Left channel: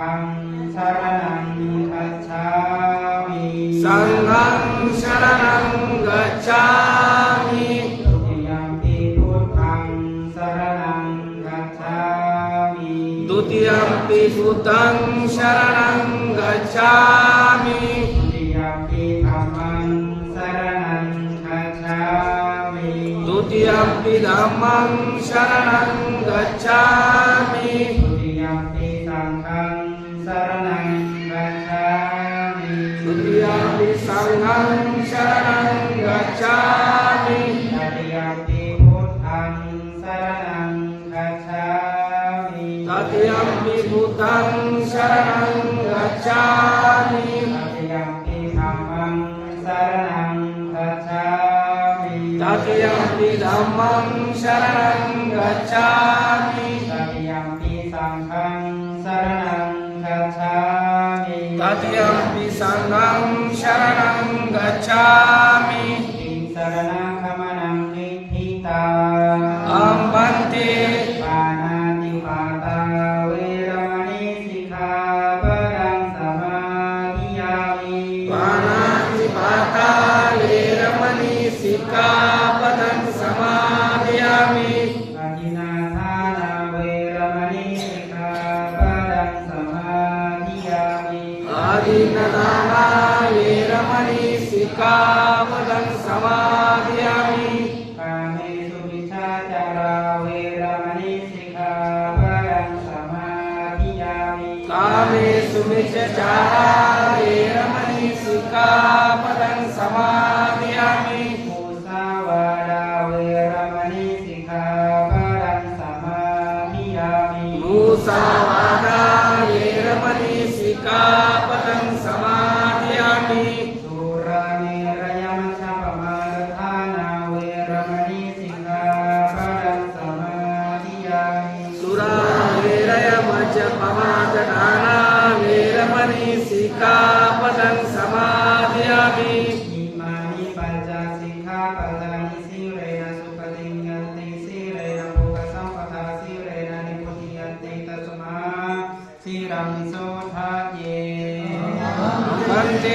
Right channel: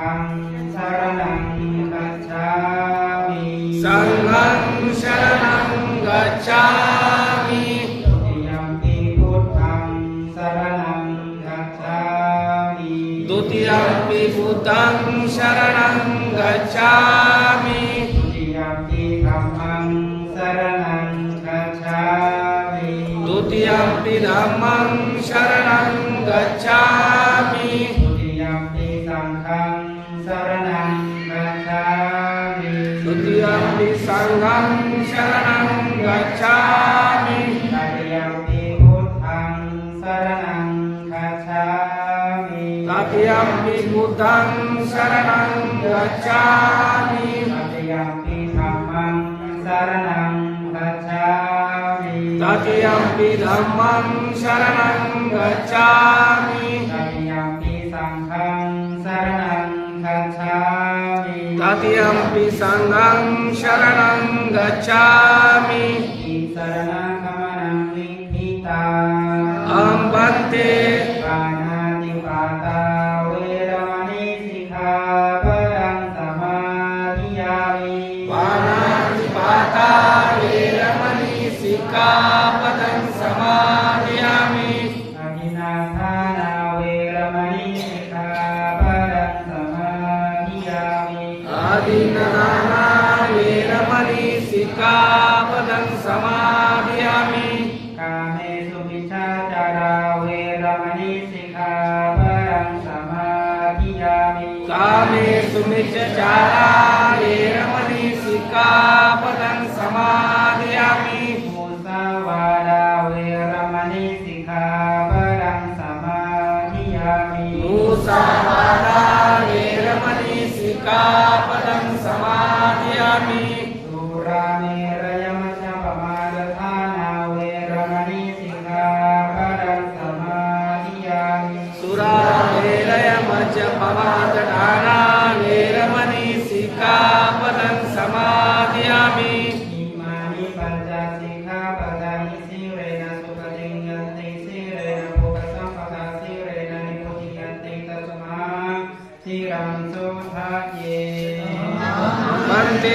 ฆังสรณังคัจฉามิสังฆังสรณังกัจฉามิทุติยมปิพุทธังสรณังคัจฉามิทุติยมปิพุทธังสรณังกัจฉามิทุติยมปิธัมมังสรณังคัจฉามิทุติยมปิธัมมังสรณังกัจฉามิทุติยมปิสังฆังสรณังคัจฉามิทุติยมปิสังฆังสรณังกัจฉามิตติยมปิพุทธังสรณังคัจฉามิตติยมปิพุทธังสรณังกัจฉามิตติยมปิธัมมังสรณังคัจฉามิ ตติยมปิธัมมังสรณังกัจฉามิตติยมปิสังฆังสรณังคัจฉามิ ตติยมปิสังฆังสรณังกัจฉามิอิสรณังขมนังนิพพิตาอัมปันเตปานาติปาตาเวรมณีสิกขาปะทังสมาธิยามิปานาติปาตาเวรมณีสิกขาปะทังสมาธิยามิอาทินาทานาเวรมณีสิกขาปะทังสมาธิยามิอาทินนานาเวรมณีสิกขาปะทังสมาธิยามิกาเมสุมิจฉาจาราเวรมณีสิกขาปะทังสมาธิยามิกาเมสุมิจฉาจาราเวรมณีสิกขาปะทังสมาธิยามิมุสาวาดาเวรมณีสิกขาปะทังสมาธิยามิมุสาวาทาเวรมณีสิกขาปะทังสมาธิยามิสุราเมรยมัชฌปมาทฐานาเวรมณีสิกขาปะทังสมาธิยามิสุราเมรยมัจจปมาจฐานาเวรมณีสิกขาปะทังสมาธิยามิอิมานิปัญจสิกขาปะทานิสีเรนะสุปฏิญญันติสีเรนะโภคสัมปทาสีเรนะนิพุติยันติตัสมาสีรังโสภะเยมันเต